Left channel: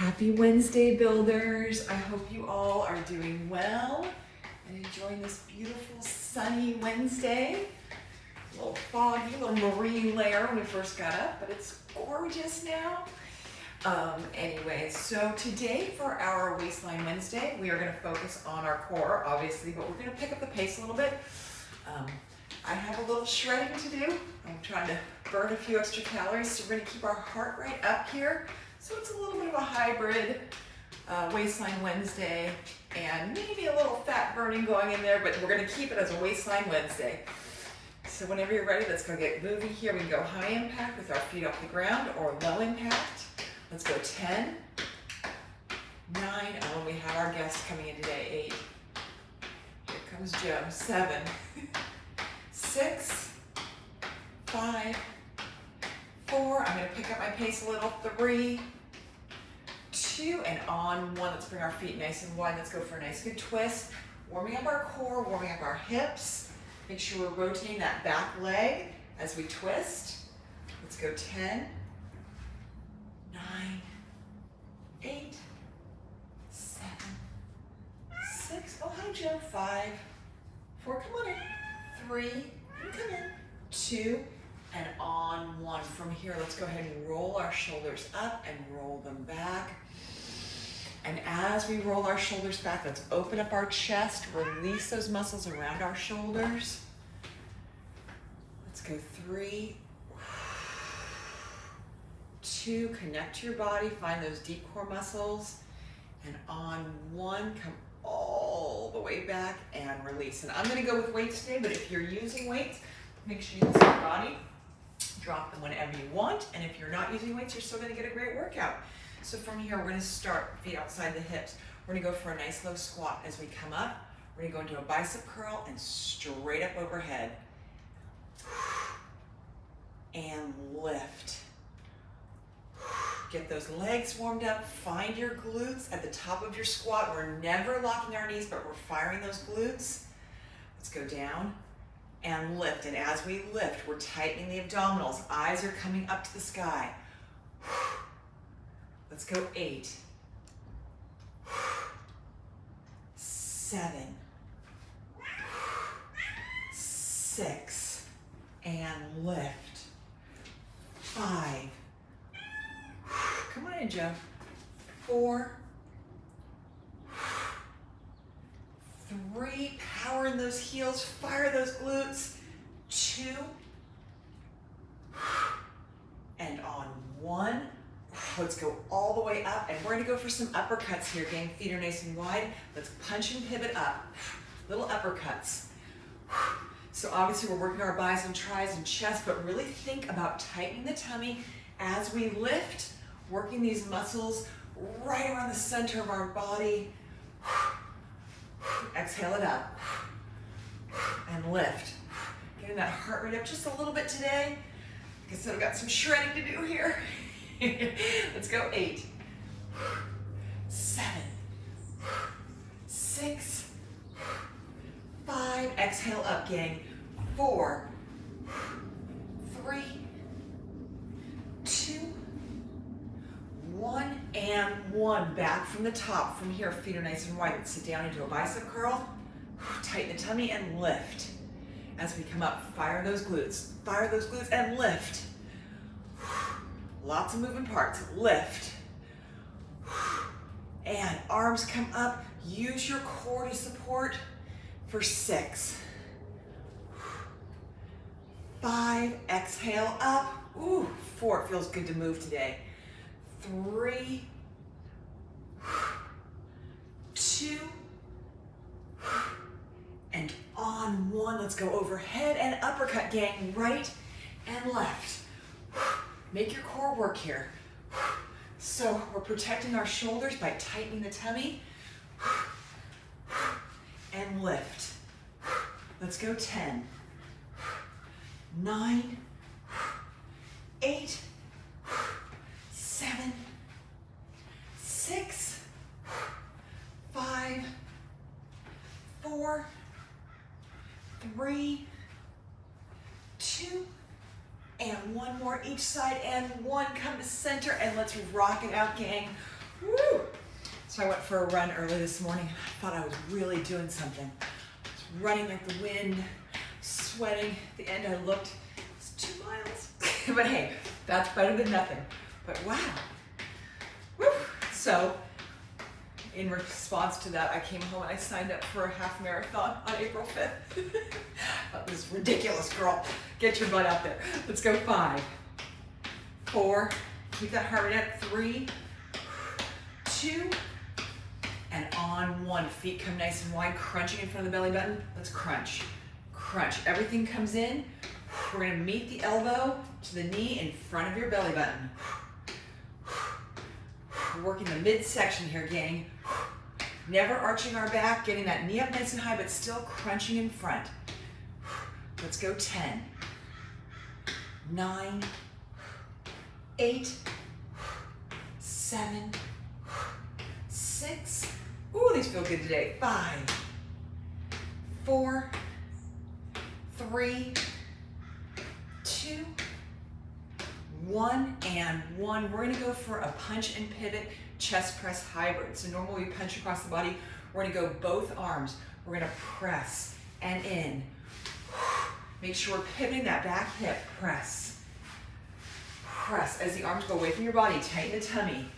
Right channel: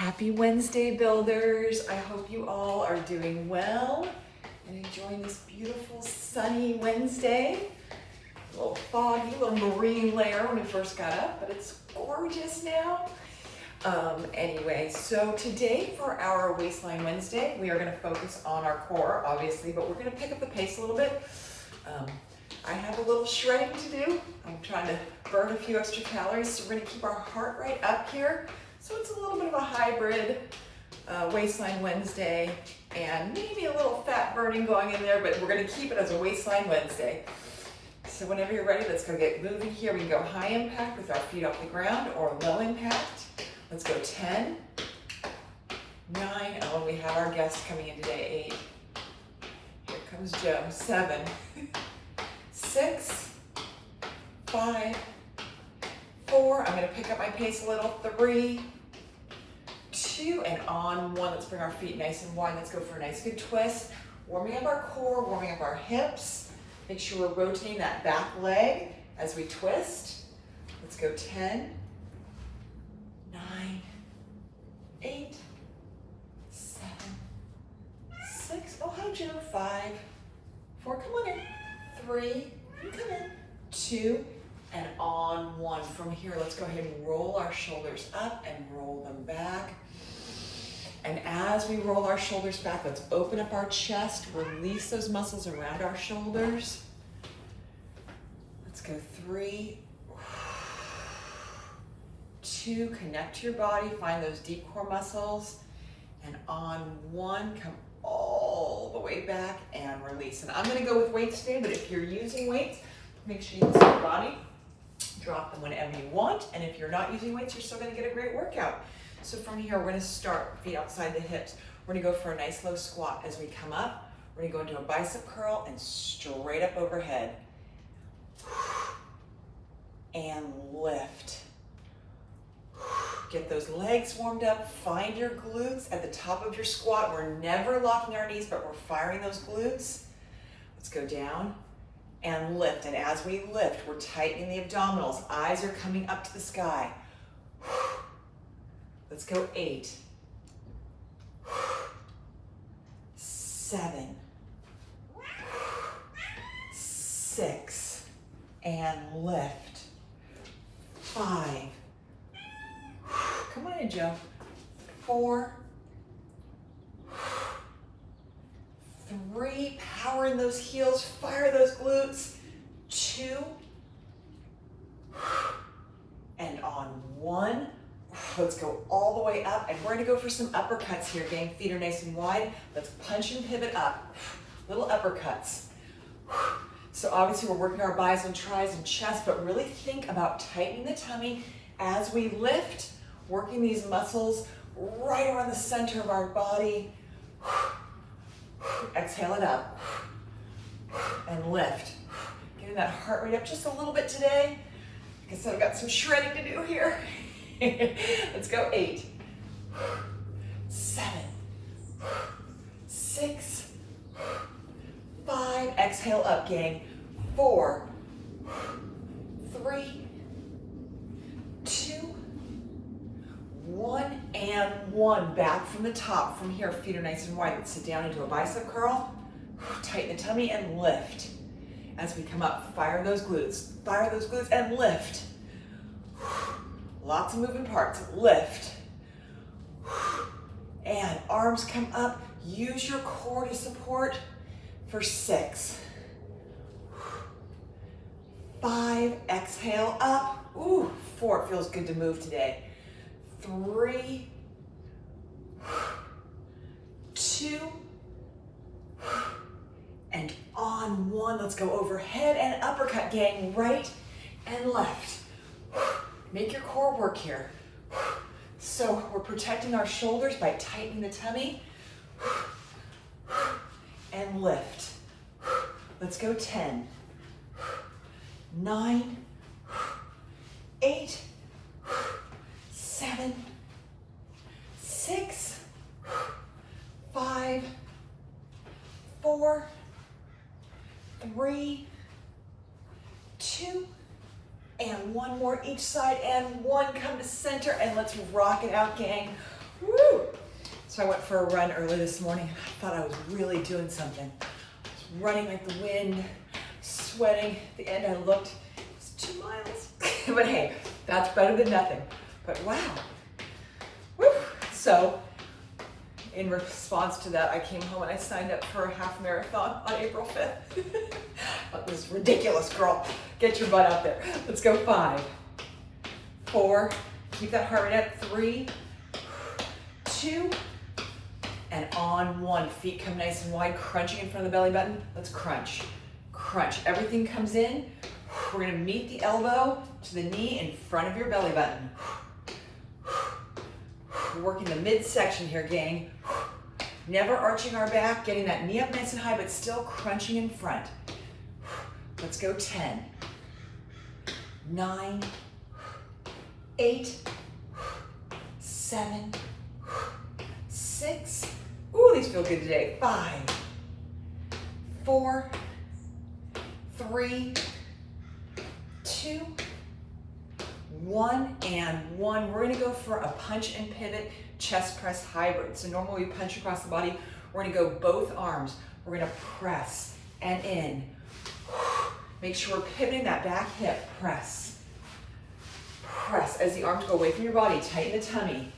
Happy Wednesday, builders. I hope you all are doing well and enjoying this beautiful sunny Wednesday. A little foggy, a little marine layer when we first got up, but it's gorgeous now. Anyway, so today for our Waistline Wednesday, we are going to focus on our core, obviously, but we're going to pick up the pace a little bit. I have a little shredding to do. I'm trying to burn a few extra calories, so we're going to keep our heart rate up here. So it's a little bit of a hybrid Waistline Wednesday and maybe a little fat burning going in there, but we're going to keep it as a Waistline Wednesday. So whenever you're ready, let's go get moving here. We can go high impact with our feet off the ground or low impact. Let's go 10, 9, and when we have our guests coming in today, 8. Here comes Joe, 7, 6, 5, 4. I'm going to pick up my pace a little. 3, 2, and on 1. Let's bring our feet nice and wide. Let's go for a nice good twist. Warming up our core, warming up our hips. Make sure we're rotating that back leg as we twist. Let's go 10, 9, 8, 7, 6. Oh, hi, Joe. 5, 4. Come on in. 3. Come in. 2. And on 1. From here, let's go ahead and roll our shoulders up and roll them back. And as we roll our shoulders back, let's open up our chest, release those muscles around our shoulders. Let's go 3, 2, connect to your body, find those deep core muscles. And on 1, come all the way back and release. And I'm gonna go with weights today, but if you're using weights, make sure you listen to your body. Drop them whenever you want, and if you're not using weights, you're still going to get a great workout. So from here, we're going to start feet outside the hips. We're going to go for a nice low squat. As we come up, we're going to go into a bicep curl and straight up overhead. And lift. Get those legs warmed up. Find your glutes at the top of your squat. We're never locking our knees, but we're firing those glutes. Let's go down and lift. And as we lift, we're tightening the abdominals. Eyes are coming up to the sky. Let's go 8, 7, 6, and lift. 5. Come on in, Joe. 4, 3, power in those heels, fire those glutes. 2, and on 1, let's go all the way up, and we're gonna go for some uppercuts here, gang. Feet are nice and wide. Let's punch and pivot up. Little uppercuts. So obviously we're working our bis and tris and chest, but really think about tightening the tummy as we lift, working these muscles right around the center of our body. Exhale it up and lift. Getting that heart rate up just a little bit today. Like I said, I've got some shredding to do here. Let's go 8, 7, 6, 5. Exhale up, gang. 4, 3, 2, 1, and 1. Back from the top. From here, feet are nice and wide. Let's sit down into a bicep curl. Tighten the tummy and lift. As we come up, fire those glutes. Fire those glutes and lift. Lots of moving parts. Lift. And arms come up. Use your core to support for 6, 5. Exhale up. Ooh, 4. It feels good to move today. 3, 2, and on 1. Let's go overhead and uppercut, gang. Right and left. Make your core work here. So we're protecting our shoulders by tightening the tummy. And lift. Let's go 10, 9, 8, 7, 6, 5, 4, 3, 2, and 1 more each side, and 1. Come to center, and let's rock it out, gang. Woo! So I went for a run early this morning. I thought I was really doing something. I was running like the wind, sweating. At the end I looked, it's 2 miles. But hey, that's better than nothing. But wow. Woo! So in response to that, I came home and I signed up for a half marathon on April 5th. That was ridiculous, girl. Get your butt out there. Let's go. 5, 4, keep that heart rate up. 3, 2, and on 1. Feet come nice and wide, crunching in front of the belly button. Let's crunch, crunch. Everything comes in. We're gonna meet the elbow to the knee in front of your belly button. We're working the midsection here, gang. Never arching our back, getting that knee up nice and high, but still crunching in front. Let's go. 10, 9, 8, 7, 6. Ooh, these feel good today. 5, 4, 3, 2, 1, and 1. We're gonna go for a punch and pivot chest press hybrid. So normally we punch across the body. We're gonna go both arms. We're gonna press and in. Make sure we're pivoting that back hip. Press, press. As the arms go away from your body, tighten the tummy.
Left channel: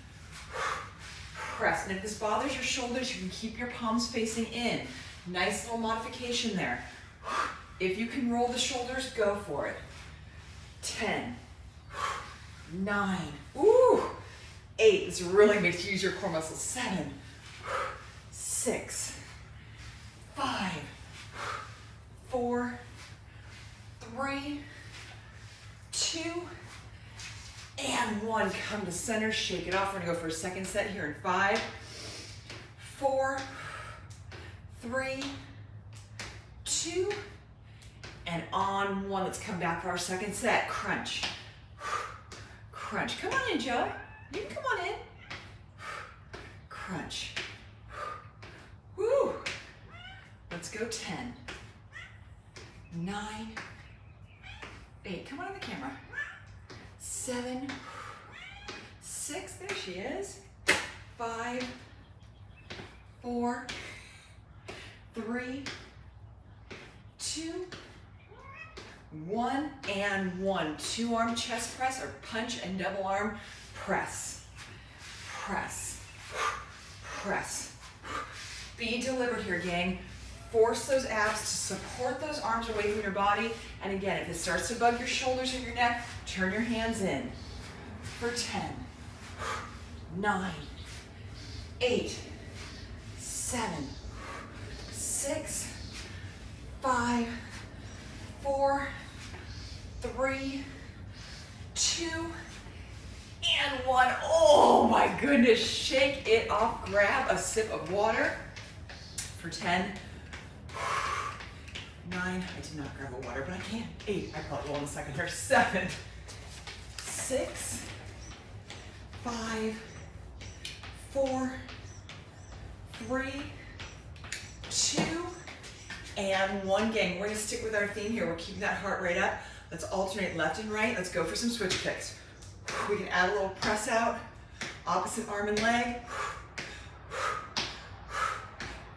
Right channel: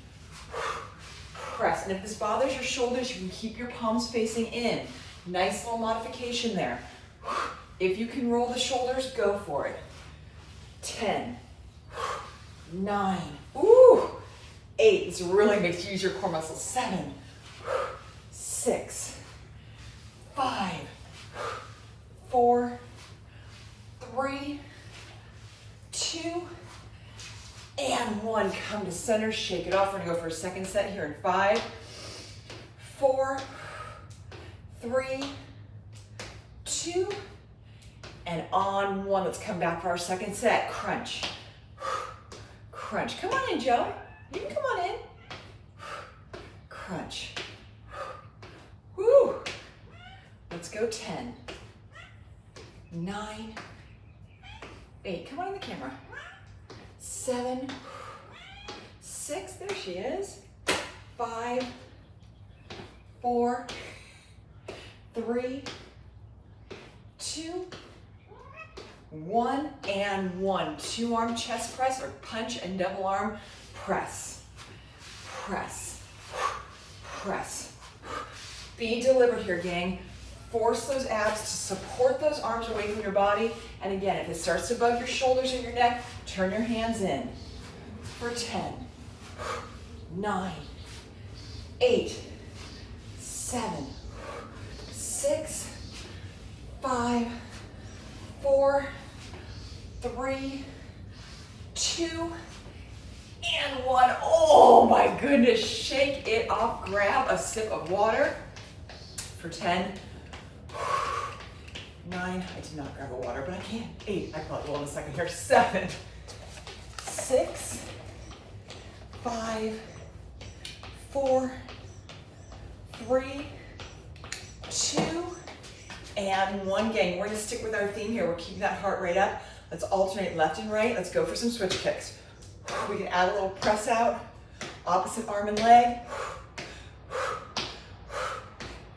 Press. And if this bothers your shoulders, you can keep your palms facing in. Nice little modification there. If you can roll the shoulders, go for it. 10, 9, ooh, 8. This really makes you use your core muscles. 7, 6, 5, 4, 3, 2, and 1. Come to center, shake it off. We're gonna go for a second set here in 5, 4, 3, 2, and on 1. Let's come back for our second set. Crunch, crunch. Come on in, Joe. You can come on in. Crunch. Woo. Let's go. 10, 9, 8. Come on in the camera. 7, 6. There she is. 5, 4, 3, 2, 1, and 1. 2-arm chest press or punch and double arm press. Press, press. Be deliberate here, gang. Force those abs to support those arms away from your body. And again, if it starts to bug your shoulders and your neck, turn your hands in. For 10, 9, 8, 7, 6, 5, 4, 3, 2, and 1. Oh my goodness, shake it off. Grab a sip of water. For 10, 9, I did not grab a water, but I can. 8, I probably will in a second here. 7, 6, 5, 4, 3, 2, and 1. Gang, we're gonna stick with our theme here. We're keeping that heart rate up. Let's alternate left and right. Let's go for some switch kicks. We can add a little press out, opposite arm and leg.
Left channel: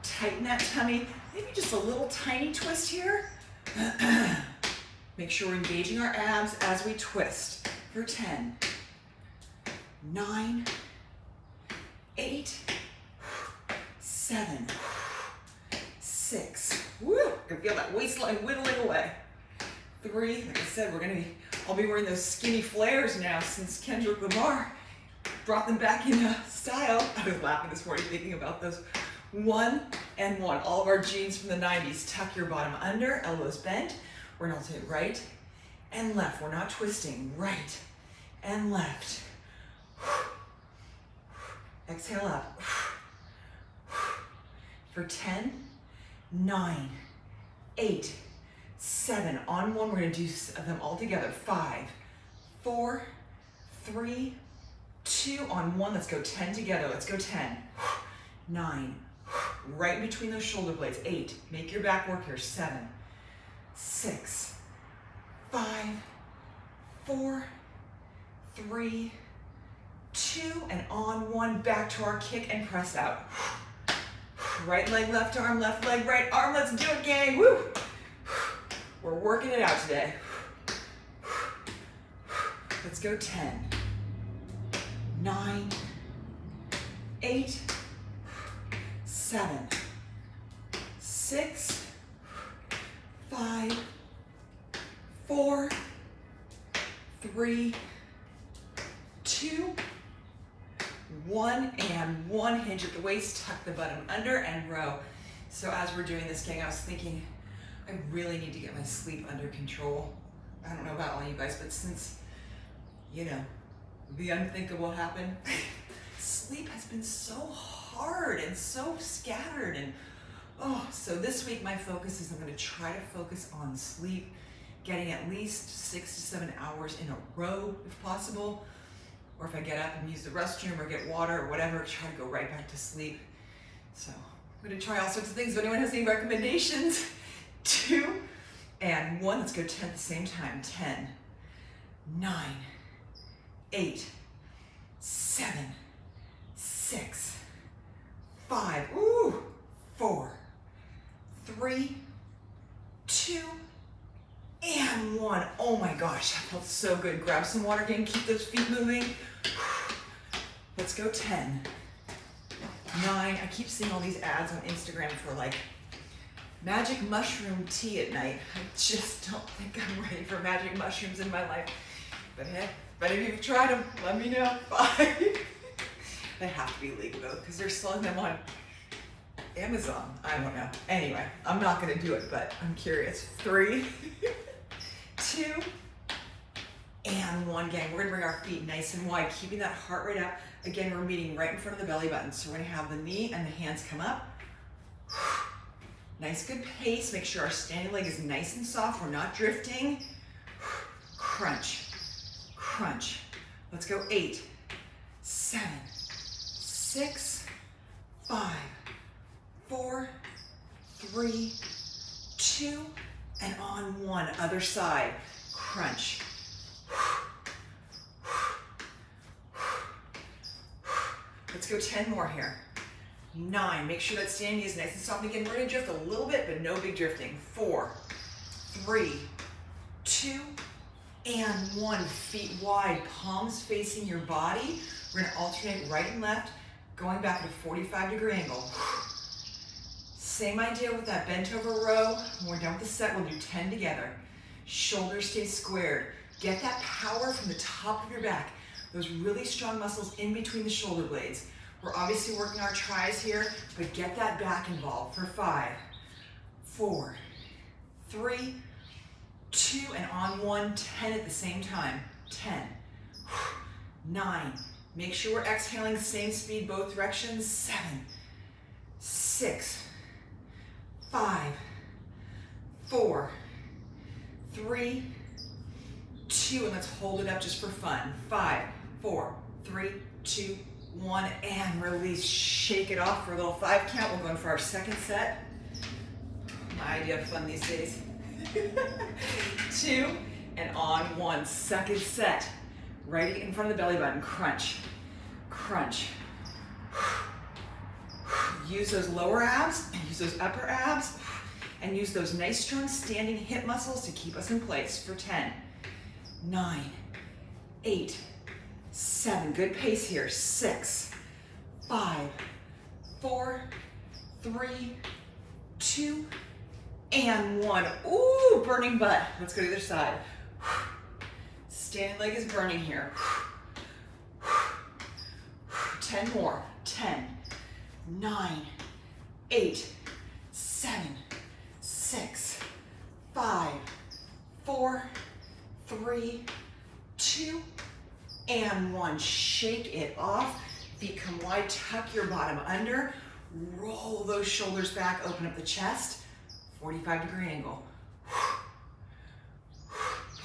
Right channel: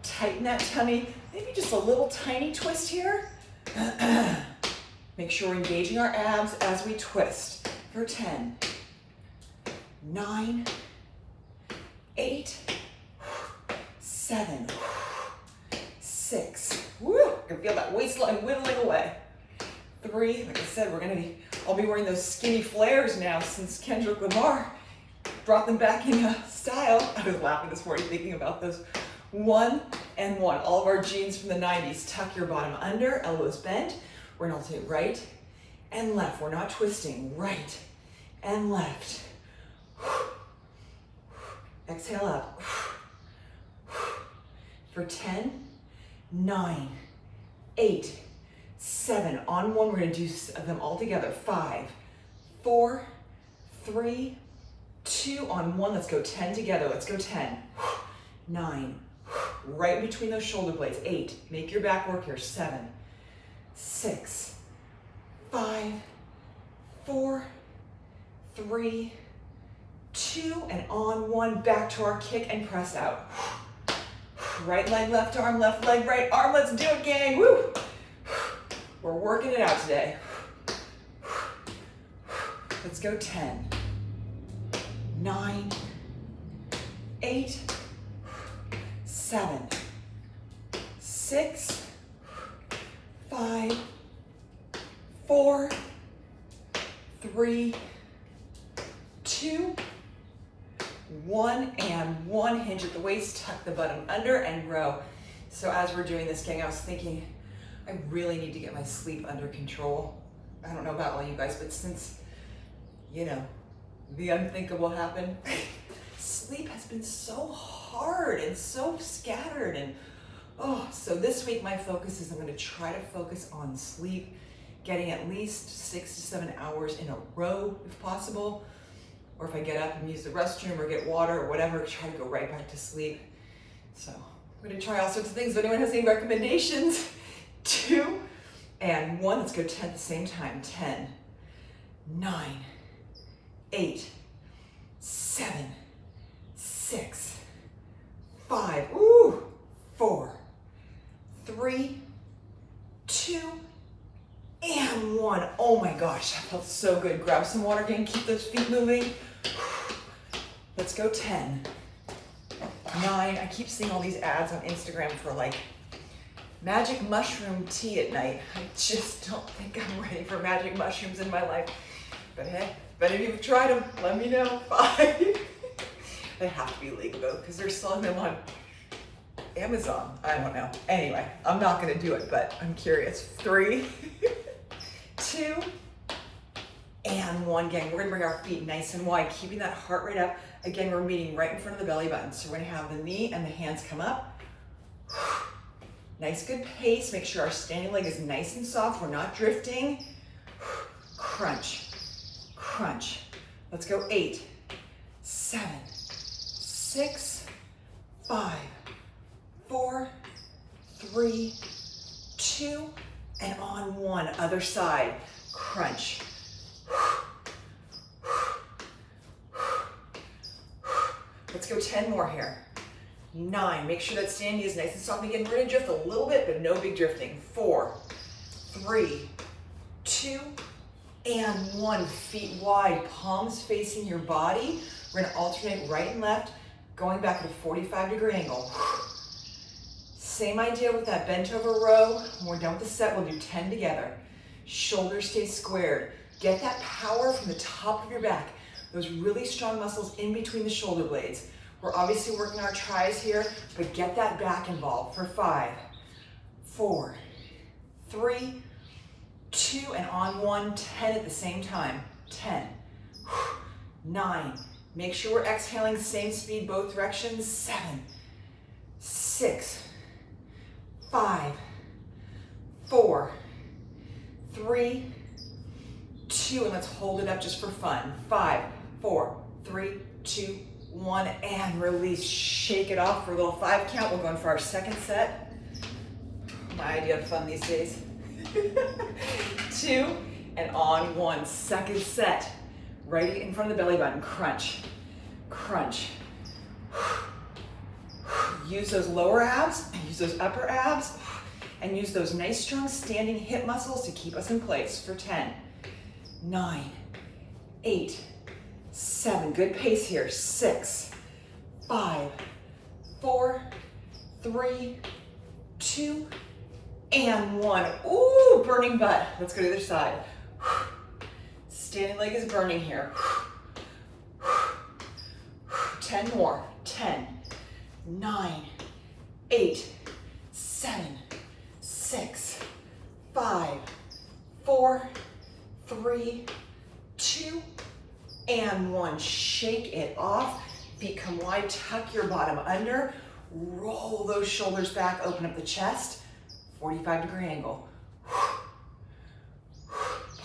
Tighten that tummy. Maybe just a little tiny twist here. Make sure we're engaging our abs as we twist. For 10, 9, 8, 7, 6. Woo! I can feel that waistline whittling away. 3, like I said, I'll be wearing those skinny flares now since Kendrick Lamar brought them back in style. I was laughing this morning thinking about those. 1 and 1. All of our jeans from the 90s. Tuck your bottom under, elbows bent. We're gonna alternate right and left. We're not twisting. Right and left. Exhale up. For 10, 9, 8, 7. On 1, we're gonna do them all together. 5, 4, 3, 2. On 1, let's go 10 together. Let's go 10, 9, right between those shoulder blades. 8, make your back work here. 7, 6, 5, 4, 3, 2, and on 1, back to our kick and press out. Right leg, left arm, left leg, right arm. Let's do it, gang. Woo! We're working it out today. Let's go 10, 9, 8, 7, 6, 5, 4, 3, 2, 1, and 1. Hinge at the waist, tuck the bottom under, and row. So as we're doing this, gang, I was thinking I really need to get my sleep under control. I don't know about all you guys, but since, you know, the unthinkable happened, sleep has been so hard and so scattered. And so this week my focus is I'm going to try to focus on sleep, getting at least 6 to 7 hours in a row if possible. Or if I get up and use the restroom or get water or whatever, try to go right back to sleep. So I'm going to try all sorts of things. If anyone has any recommendations, 2 and 1. Let's go 10 at the same time. 10, 9, 8, 7, 6, 5, 4, 3, 2, and 1. Oh my gosh, that felt so good. Grab some water, gang. Keep those feet moving. Let's go 10, 9. I keep seeing all these ads on Instagram for like magic mushroom tea at night. I just don't think I'm ready for magic mushrooms in my life. But hey, if any of you have tried them, let me know. 5. They have to be legal though, because they're selling them on Amazon. I don't know. Anyway, I'm not going to do it, but I'm curious. 3, 2, and 1. Again, we're going to bring our feet nice and wide, keeping that heart rate up. Again, we're meeting right in front of the belly button. So we're going to have the knee and the hands come up. Nice, good pace. Make sure our standing leg is nice and soft. We're not drifting. Crunch, crunch. Let's go 8, 7, 6, 5, 4, 3, 2, and on 1. Other side. Crunch. Let's go 10 more here. 9. Make sure that standing is nice and soft. Again, we're going to drift a little bit, but no big drifting. 4, 3, 2, and 1. Feet wide, palms facing your body. We're going to alternate right and left, going back at a 45-degree angle. Same idea with that bent over row. When we're done with the set, we'll do 10 together. Shoulders stay squared. Get that power from the top of your back. Those really strong muscles in between the shoulder blades. We're obviously working our tris here, but get that back involved for 5, 4, 3, 2, and on 1, 10 at the same time. 10, 9. Make sure we're exhaling, same speed, both directions. 7, 6, 5, 4, 3, 2, and let's hold it up just for fun. 5, 4, 3, 2, 1, and release. Shake it off for a little 5 count. We're going for our second set. My idea of fun these days. 2, and on 1. Second set. Right in front of the belly button. Crunch, crunch. Use those lower abs, use those upper abs, and use those nice strong standing hip muscles to keep us in place for 10, 9, 8, 7, good pace here, 6, 5, 4, 3, 2, and 1. Ooh, burning butt. Let's go to the other side. Standing leg is burning here. 10 more. 10, 9, 8, 7, 6, 5, 4, 3, 2, and 1. Shake it off. Feet come wide. Tuck your bottom under. Roll those shoulders back. Open up the chest. 45-degree angle.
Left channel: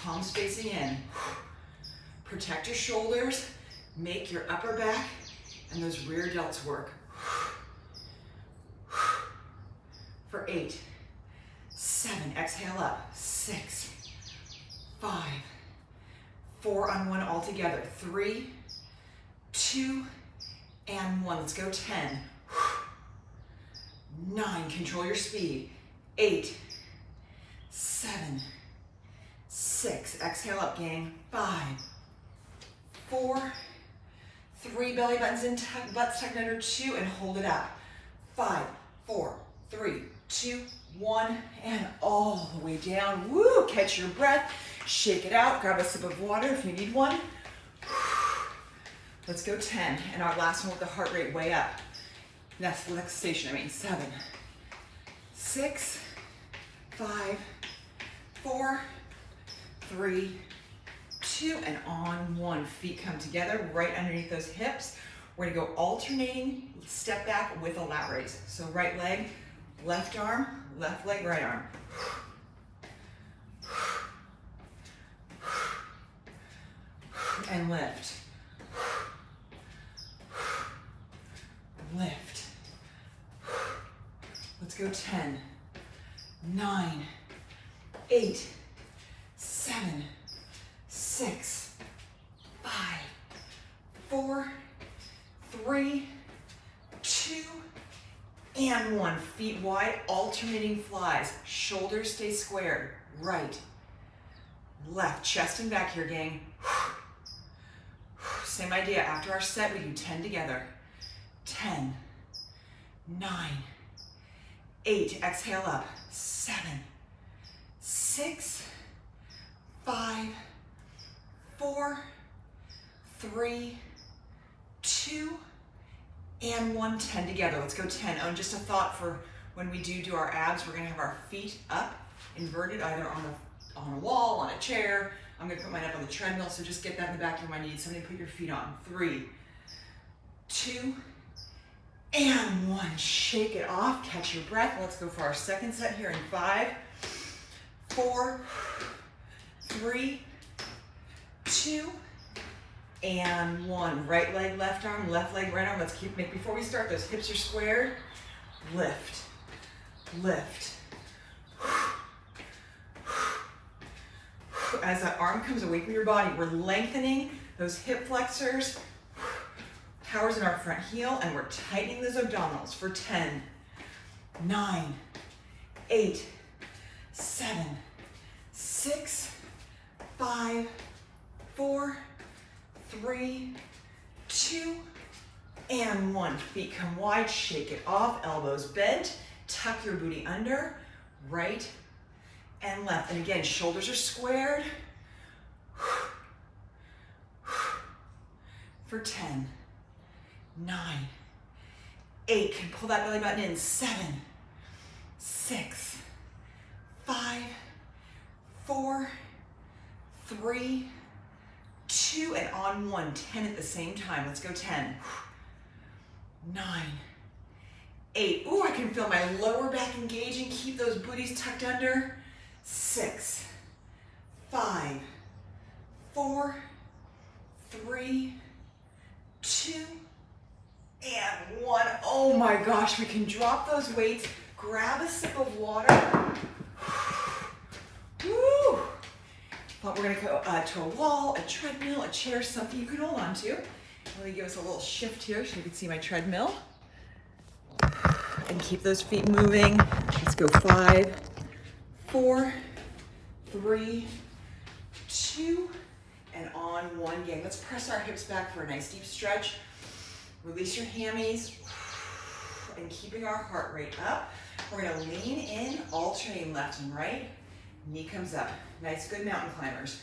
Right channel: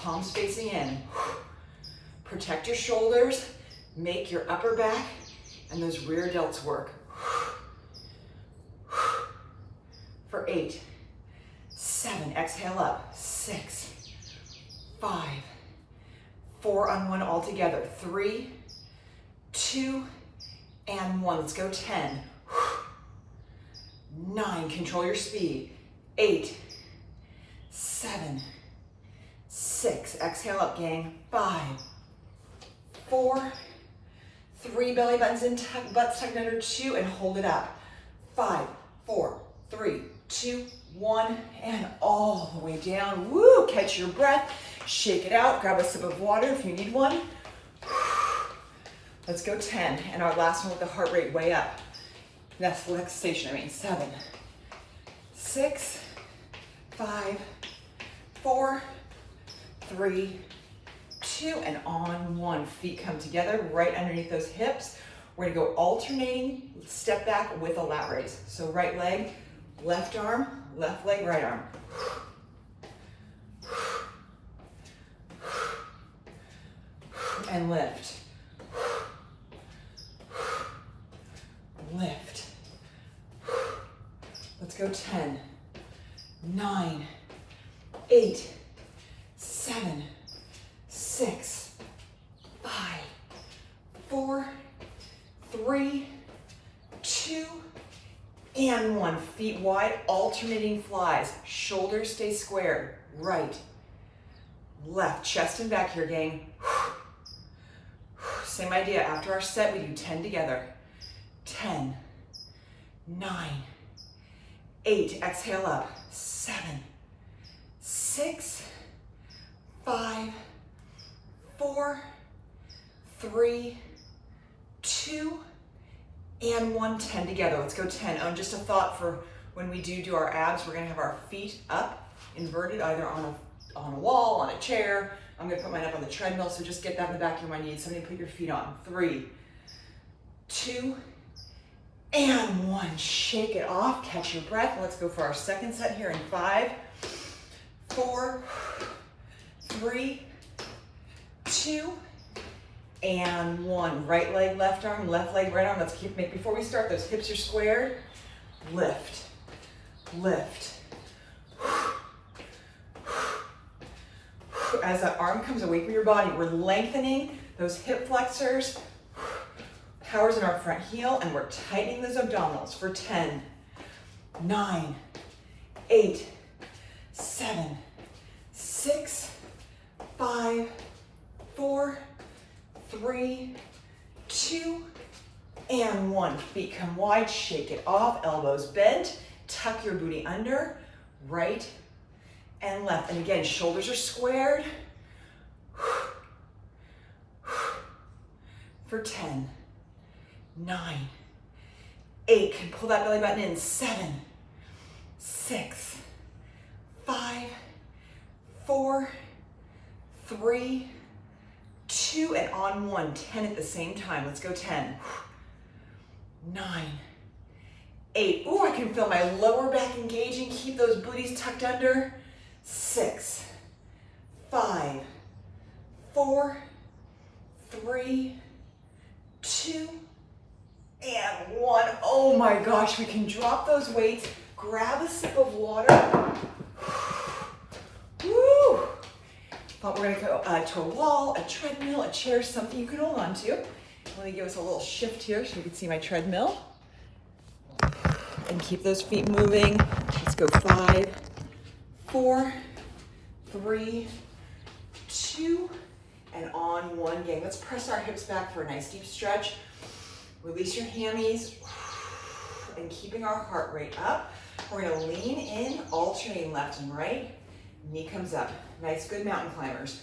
Palms facing in. Protect your shoulders. Make your upper back and those rear delts work. For 8, 7, exhale up. 6, 5, 4 on 1 all together. 3, 2, and 1. Let's go 10. 9, control your speed. 8, 7, 6, exhale up, gang. 5, 4, 3, belly buttons in, butts tucked under. 2, and hold it up. 5, 4, 3, 2, 1, and all the way down. Woo, catch your breath, shake it out, grab a sip of water if you need one. Let's go 10, and our last one with the heart rate way up. That's relaxation, 7, 6, 5, 4, 3, 2, and on 1. Feet come together right underneath those hips. We're gonna go alternating, step back with a lat raise. So right leg, left arm, left leg, right arm. And lift. Lift. Let's go 10, 9, 8, 7, 6, 5, 4, 3, 2, and 1. Feet wide, alternating flies. Shoulders stay squared. Right, left, chest and back here, gang. Same idea. After our set, we do 10 together. 10, 9, 8, exhale up. 7, 6, 5, 4, 3, 2, and 1. 10 together. Let's go 10. And just a thought for when we do our abs, we're gonna have our feet up, inverted, either on a wall, on a chair. I'm gonna put mine up on the treadmill, so just get that in the back of your mind. You need something to put your feet on. 3, 2, and 1. Shake it off, catch your breath. Let's go for our second set here in 5, 4, 3, 2, and 1. Right leg, left arm, left leg, right arm. Let's make, before we start, those hips are squared. Lift, lift. As that arm comes away from your body, we're lengthening those hip flexors. Power's in our front heel, and we're tightening those abdominals for 10, 9, 8, 7, 6, 5, 4, 3, 2, and 1. Feet come wide, shake it off, elbows bent, tuck your booty under, right and left. And again, shoulders are squared. For 10, 9, 8, can pull that belly button in. 7, 6, 5, 4, 3, 2, and on 1. 10 at the same time. Let's go 10, 9, 8. Ooh, I can feel my lower back engaging. Keep those booties tucked under. 6, 5, 4, 3, 2, and 1. Oh my gosh, we can drop those weights, grab a sip of water. Woo! But we're gonna go to a wall, a treadmill, a chair, something you can hold on to. Let me give us a little shift here so you can see my treadmill. And keep those feet moving. Let's go 5, 4, 3, 2, and on 1. Gang, let's press our hips back for a nice deep stretch. Release your hammies, and keeping our heart rate up. We're gonna lean in, alternating left and right. Knee comes up. Nice, good mountain climbers.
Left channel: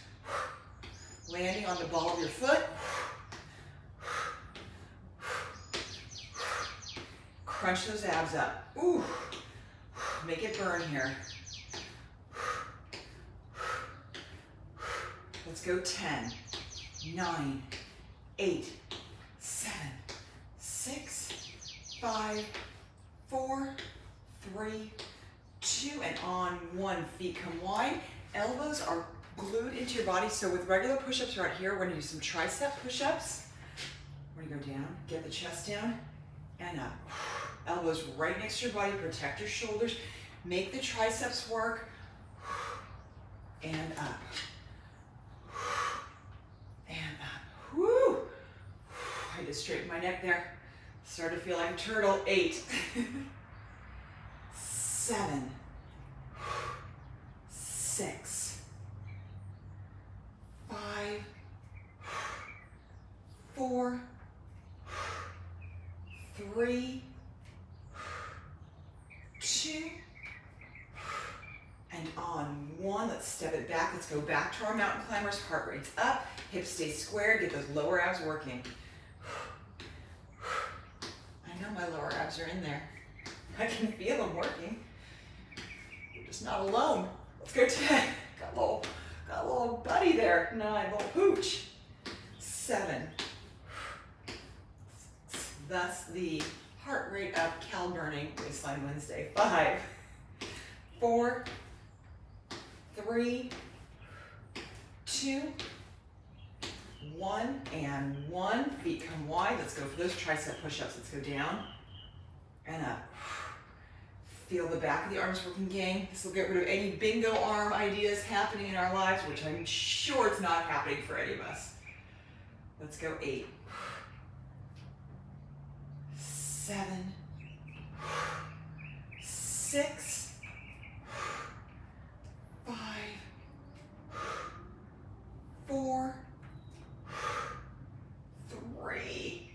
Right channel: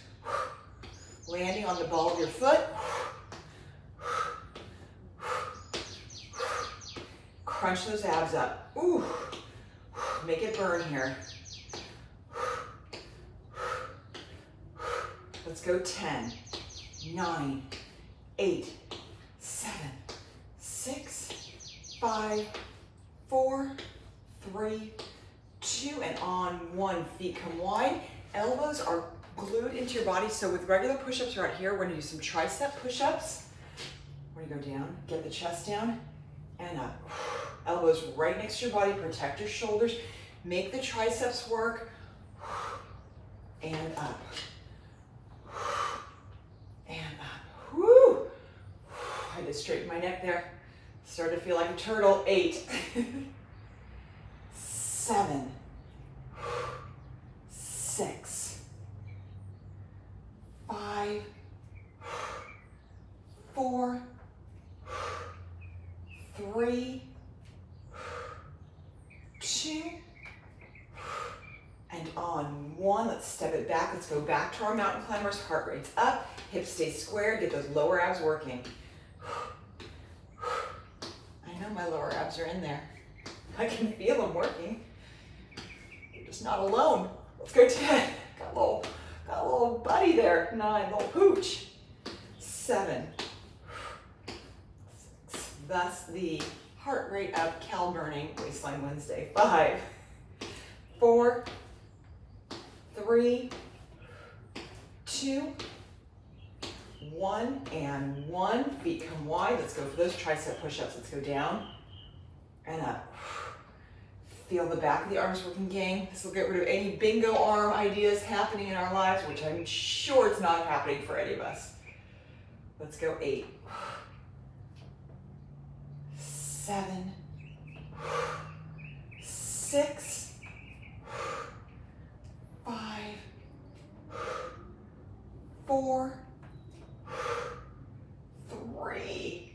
Landing on the ball of your foot. Crunch those abs up. Ooh, make it burn here. Let's go 10, 9, 8, 7, 6, 5, 4, 3, 2, and on 1. Feet come wide. Elbows are glued into your body. So with regular push-ups right here, we're gonna do some tricep push-ups. We're gonna go down, get the chest down, and up. Elbows right next to your body, protect your shoulders. Make the triceps work, and up. And up. Woo! I to straighten my neck there. Start to feel like a turtle. 8, 7, 6, 5, 4, 3, 2, and on 1. Let's step it back. Let's go back to our mountain climbers. Heart rate's up, hips stay square, get those lower abs working. I know my lower abs are in there. I can feel them working. You're just not alone. Let's go 10. Got a little buddy there. 9, little pooch. 7. Thus the heart rate up, cal burning, Waistline Wednesday. 5, 4, 3, 2, 1, and 1. Feet come wide. Let's go for those tricep push-ups. Let's go down and up. Feel the back of the arms working, gang. This will get rid of any bingo arm ideas happening in our lives, which I'm sure it's not happening for any of us. Let's go 8, 7, 6, 5, 4, 3,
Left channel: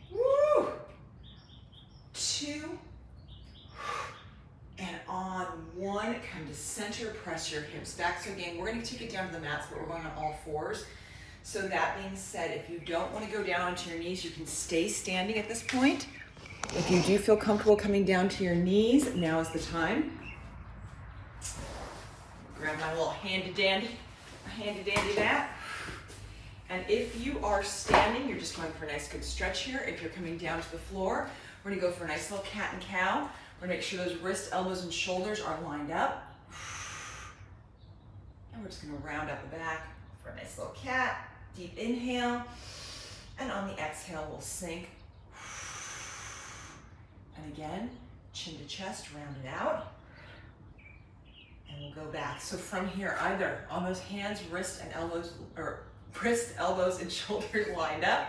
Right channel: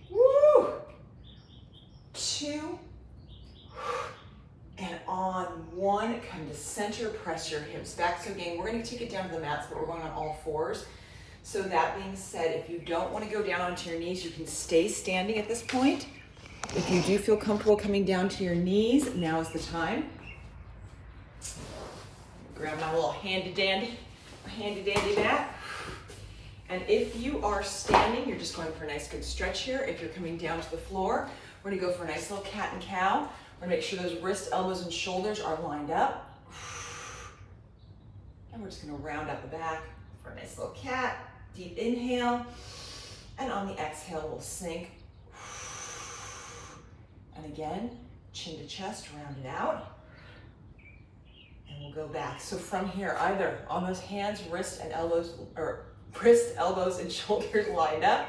2, and on 1, come to center, press your hips back. So again, we're going to take it down to the mats, but we're going on all 4s. So that being said, if you don't want to go down onto your knees, you can stay standing at this point. If you do feel comfortable coming down to your knees, now is the time. Grab my little handy dandy mat. And if you are standing, you're just going for a nice good stretch here. If you're coming down to the floor, we're going to go for a nice little cat and cow. We're going to make sure those wrists, elbows, and shoulders are lined up. And we're just going to round out the back for a nice little cat. Deep inhale. And on the exhale, we'll sink. And again, chin to chest, round it out. And we'll go back. So from here, either on those hands, wrists, elbows, and shoulders lined up,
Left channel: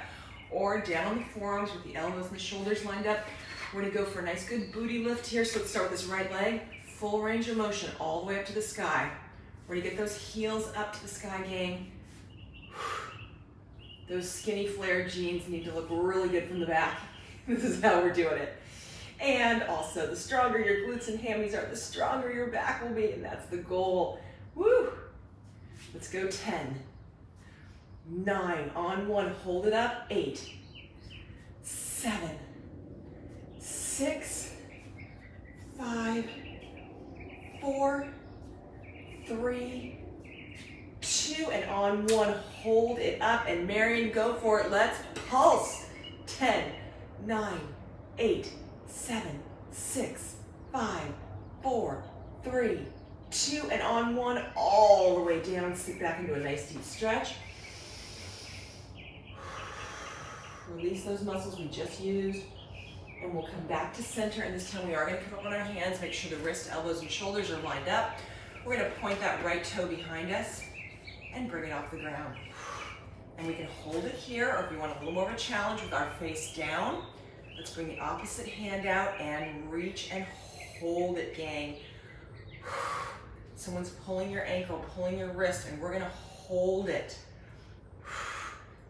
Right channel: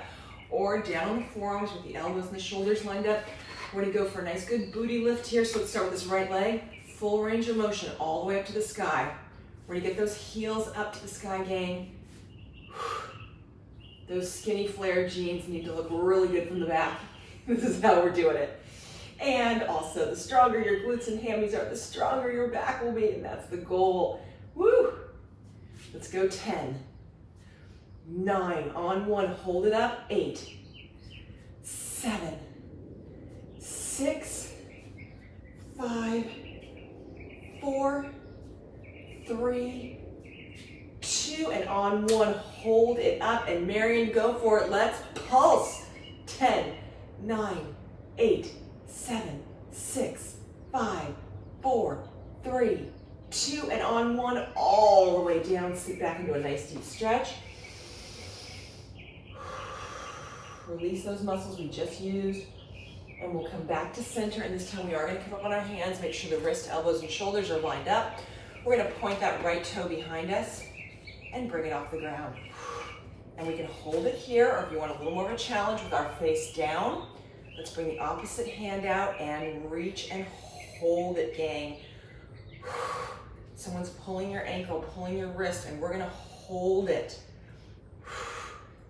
or down on the forearms with the elbows and the shoulders lined up. We're gonna go for a nice good booty lift here. So let's start with this right leg, full range of motion all the way up to the sky. We're gonna get those heels up to the sky, gang. Those skinny flare jeans need to look really good from the back. This is how we're doing it. And also, the stronger your glutes and hammies are, the stronger your back will be, and that's the goal. Woo! Let's go 10, 9, on 1, hold it up, 8, 7, 6, 5, 4, 3, 2, and on 1, hold it up, and Marion, go for it. Let's pulse. 10, 9, 8, 7, 6, 5, 4, 3, 2, and on 1, all the way down. Sit back into a nice deep stretch. Release those muscles we just used, and we'll come back to center, and this time we are going to come up on our hands. Make sure the wrist, elbows, and shoulders are lined up. We're going to point that right toe behind us and bring it off the ground. And we can hold it here, or if you want a little more of a challenge, with our face down, let's bring the opposite hand out and reach and hold it, gang. Someone's pulling your ankle, pulling your wrist, and we're going to hold it.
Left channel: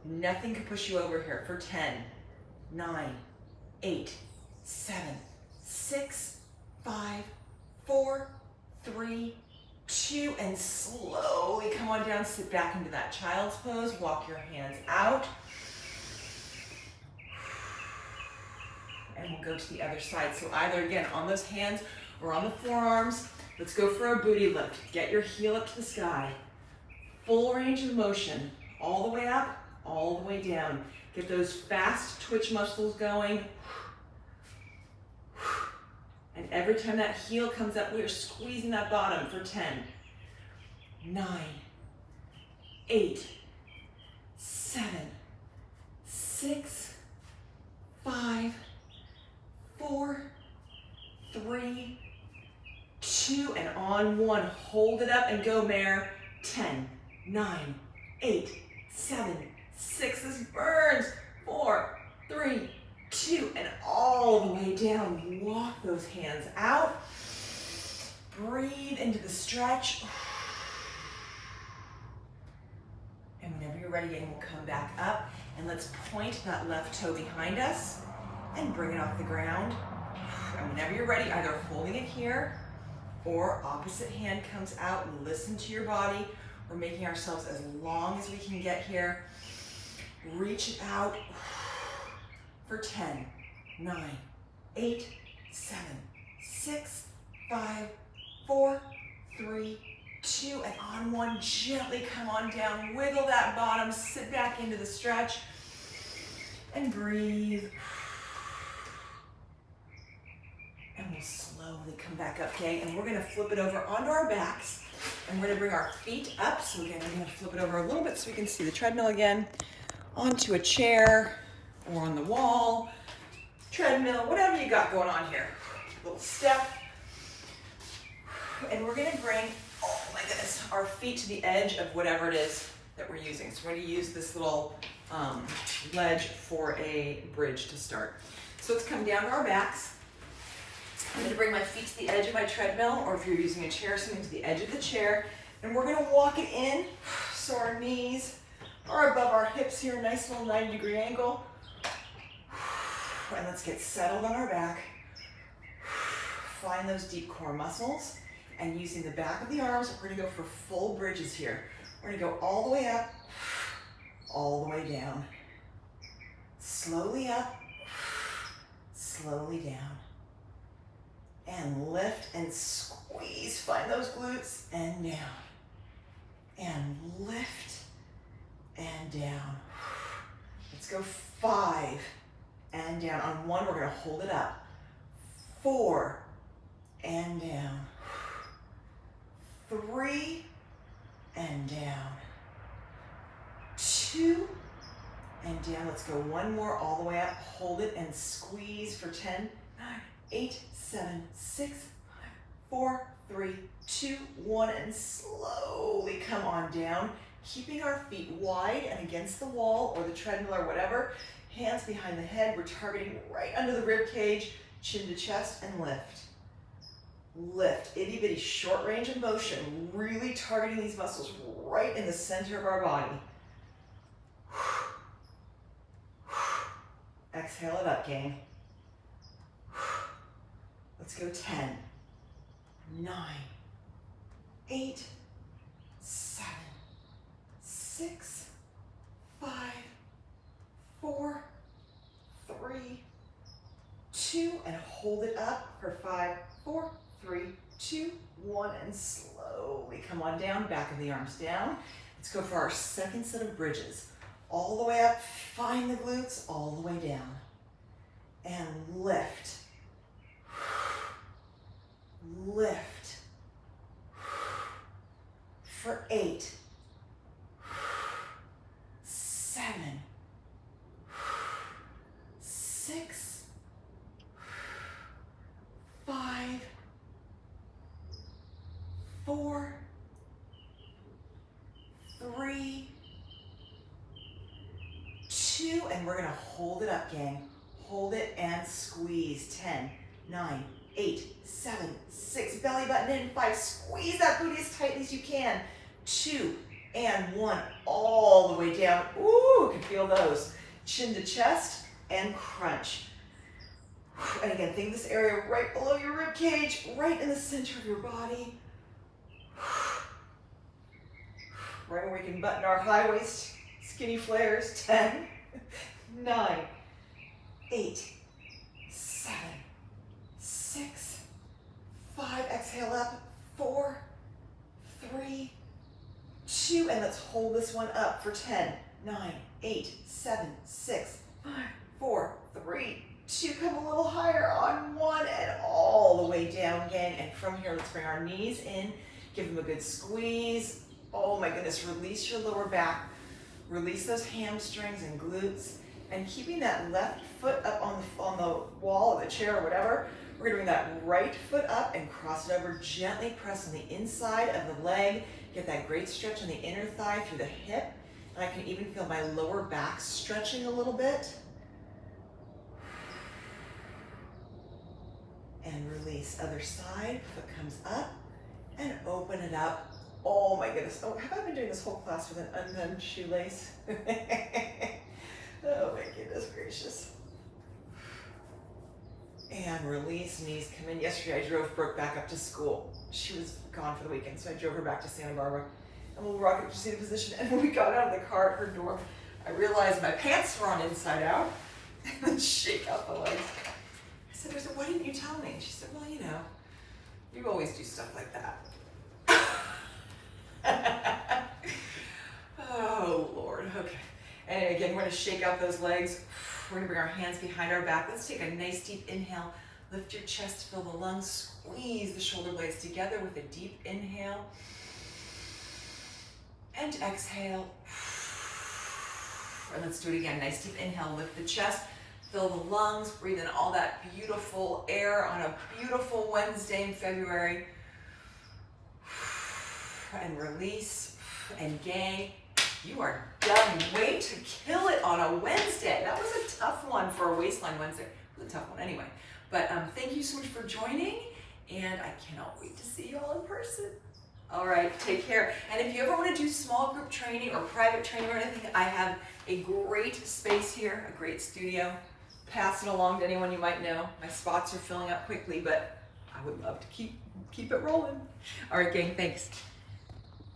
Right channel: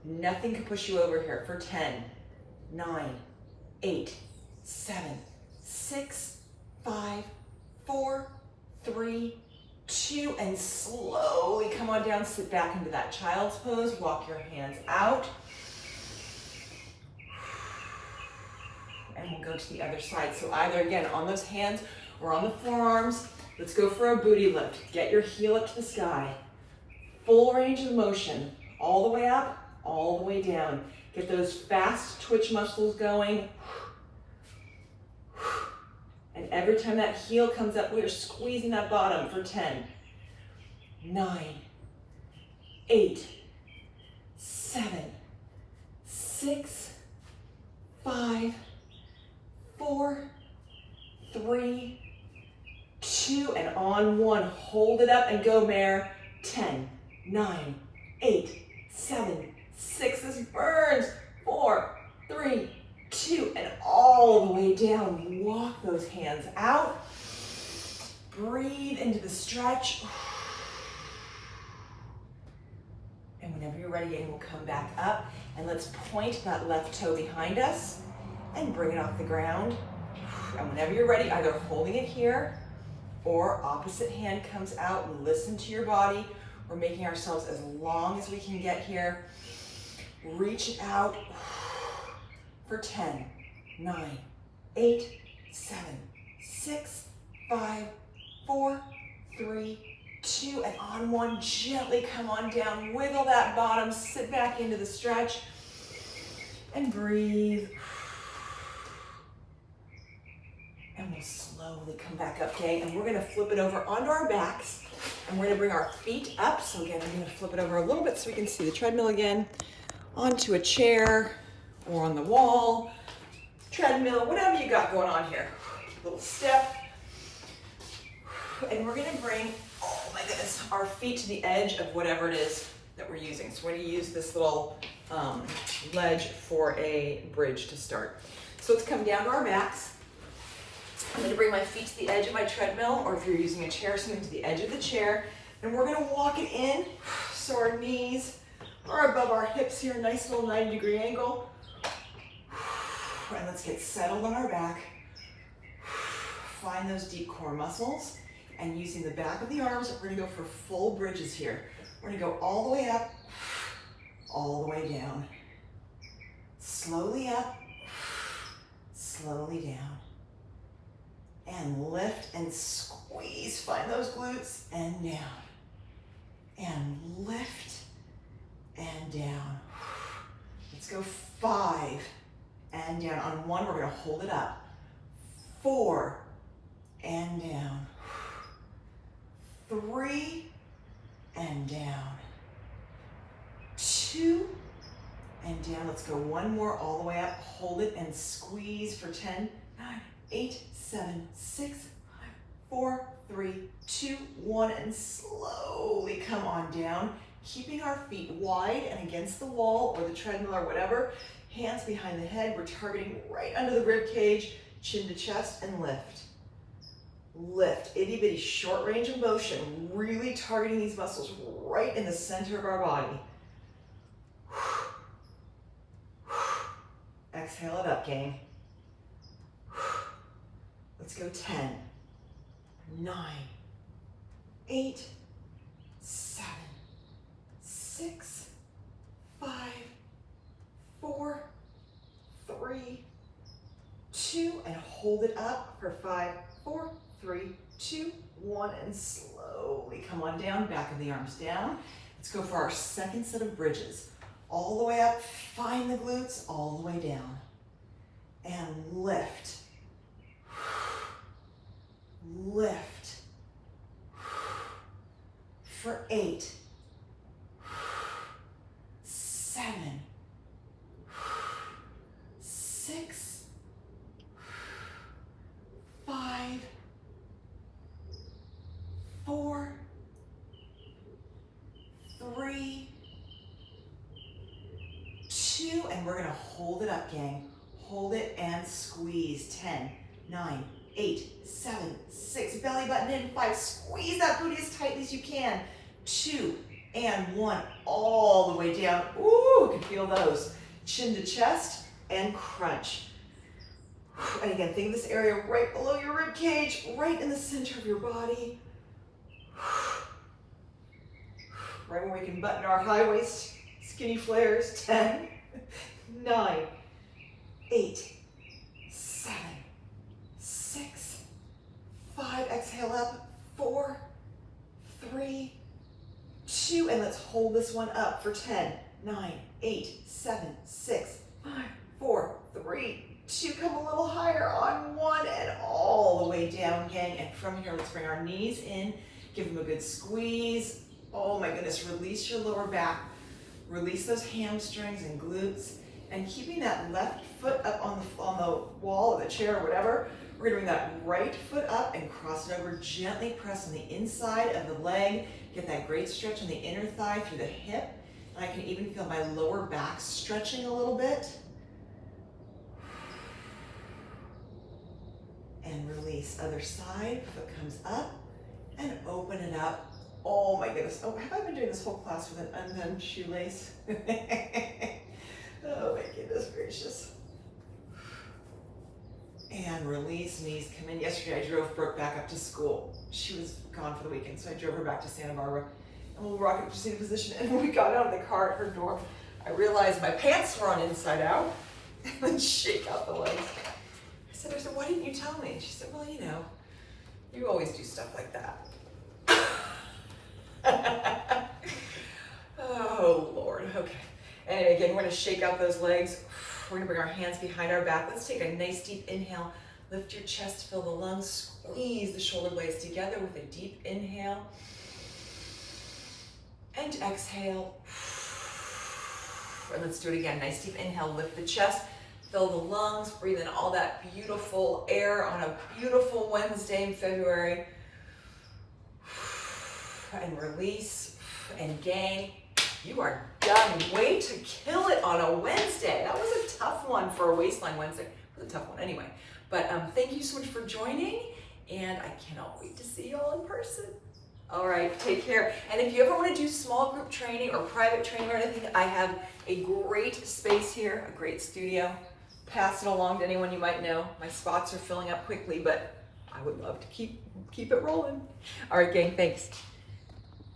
Nothing can push you over here for 10, 9, 8, 7, 6, 5, 4, 3, 2, and slowly come on down, sit back into that child's pose, walk your hands out. And we'll go to the other side. So either, again, on those hands or on the forearms, let's go for a booty lift. Get your heel up to the sky. Full range of motion, all the way up, all the way down. Get those fast twitch muscles going. And every time that heel comes up, we're squeezing that bottom for 10, 9, 8, 7, 6, 5, 4, 3, 2, and on 1, hold it up and go, mare. 10, 9, 8, 7, 6, this burns. 4, 3, 2, and all the way down. Walk those hands out. Breathe into the stretch. And whenever you're ready, we'll come back up and let's point that left toe behind us and bring it off the ground. And whenever you're ready, either holding it here or opposite hand comes out, and listen to your body. We're making ourselves as long as we can get here. Reach it out for 10, 9, 8, 7, 6, 5, 4, 3, 2, and on one, gently come on down, wiggle that bottom, sit back into the stretch, and breathe. And we'll slowly come back up, okay? And we're gonna flip it over onto our backs, and we're gonna bring our feet up. So again, I'm gonna flip it over a little bit so we can see the treadmill again, onto a chair, or on the wall, treadmill, whatever you got going on here. Little step. And we're gonna bring, oh my goodness, our feet to the edge of whatever it is that we're using. So we're gonna use this little ledge for a bridge to start. So let's come down to our backs. I'm gonna bring my feet to the edge of my treadmill, or if you're using a chair, something to the edge of the chair. And we're gonna walk it in so our knees are above our hips here, nice little 90-degree angle. And let's get settled on our back. Find those deep core muscles. And using the back of the arms, we're gonna go for full bridges here. We're gonna go all the way up, all the way down. Slowly up, slowly down. And lift and squeeze. Find those glutes and down. And lift and down. Let's go 5 and down. On one, we're gonna hold it up. 4 and down. 3 and down. 2 and down. Let's go one more all the way up. Hold it and squeeze for 10, 9, 8, 7, 6, 5, 4, 3, 2, 1, and slowly come on down. Keeping our feet wide and against the wall or the treadmill or whatever. Hands behind the head. We're targeting right under the rib cage, chin to chest, and lift. Lift, itty bitty short range of motion, really targeting these muscles right in the center of our body. Exhale it up, gang. Let's go 10, 9, 8, 7, 6, 5, 4, 3, 2, and hold it up for 5, 4, 3, 2, 1, and slowly come on down, back of the arms down. Let's go for our second set of bridges. All the way up, find the glutes, all the way down. And lift. Lift. For 8, 7, 6, 5, 4, 3, 2, and we're gonna hold it up, gang. Hold it and squeeze. 10, 9, 8, 7, 6, belly button in. 5, squeeze that booty as tightly as you can. 2, and 1, all the way down. Ooh, you can feel those. Chin to chest and crunch. And again, think of this area right below your rib cage, right in the center of your body. Right where we can button our high waist skinny flares. 10, 9, 8, 7, 6, 5. Exhale up. 4, 3, 2, and let's hold this one up for 10, 9, 8, 7, 6, 5, 4, 3, 2. Come a little higher on 1 and all the way down, gang. And from here, let's bring our knees in. Give them a good squeeze. Oh my goodness, release your lower back. Release those hamstrings and glutes. And keeping that left foot up on the wall of the chair or whatever, we're gonna bring that right foot up and cross it over. Gently press on the inside of the leg. Get that great stretch on the inner thigh through the hip. And I can even feel my lower back stretching a little bit. release. Other side, foot comes up, and open it up. Oh my goodness. Oh, have I been doing this whole class with an undone shoelace? Oh my goodness gracious. And release, knees come in. Yesterday I drove Brooke back up to school. She was gone for the weekend, so I drove her back to Santa Barbara. And we'll rock it to seated position. And when we got out of the car at her door, I realized my pants were on inside out. And then shake out the legs. I said, why didn't you tell me? She said, well, you know, you always do stuff like that. Oh, Lord. Okay. Anyway, again, we're going to shake out those legs. We're going to bring our hands behind our back. Let's take a nice deep inhale. Lift your chest, fill the lungs. Squeeze the shoulder blades together with a deep inhale. And exhale. And let's do it again. Nice deep inhale. Lift the chest. Fill the lungs, breathe in all that beautiful air on a beautiful Wednesday in February. And release and gain. You are done. Way to kill it on a Wednesday. That was a tough one for a Waistline Wednesday. It was a tough one anyway. But thank you so much for joining, and I cannot wait to see you all in person. All right, take care. And if you ever want to do small group training or private training or anything, I have a great space here, a great studio. Pass it along to anyone you might know. My spots are filling up quickly, but I would love to keep it rolling. All right, gang, thanks.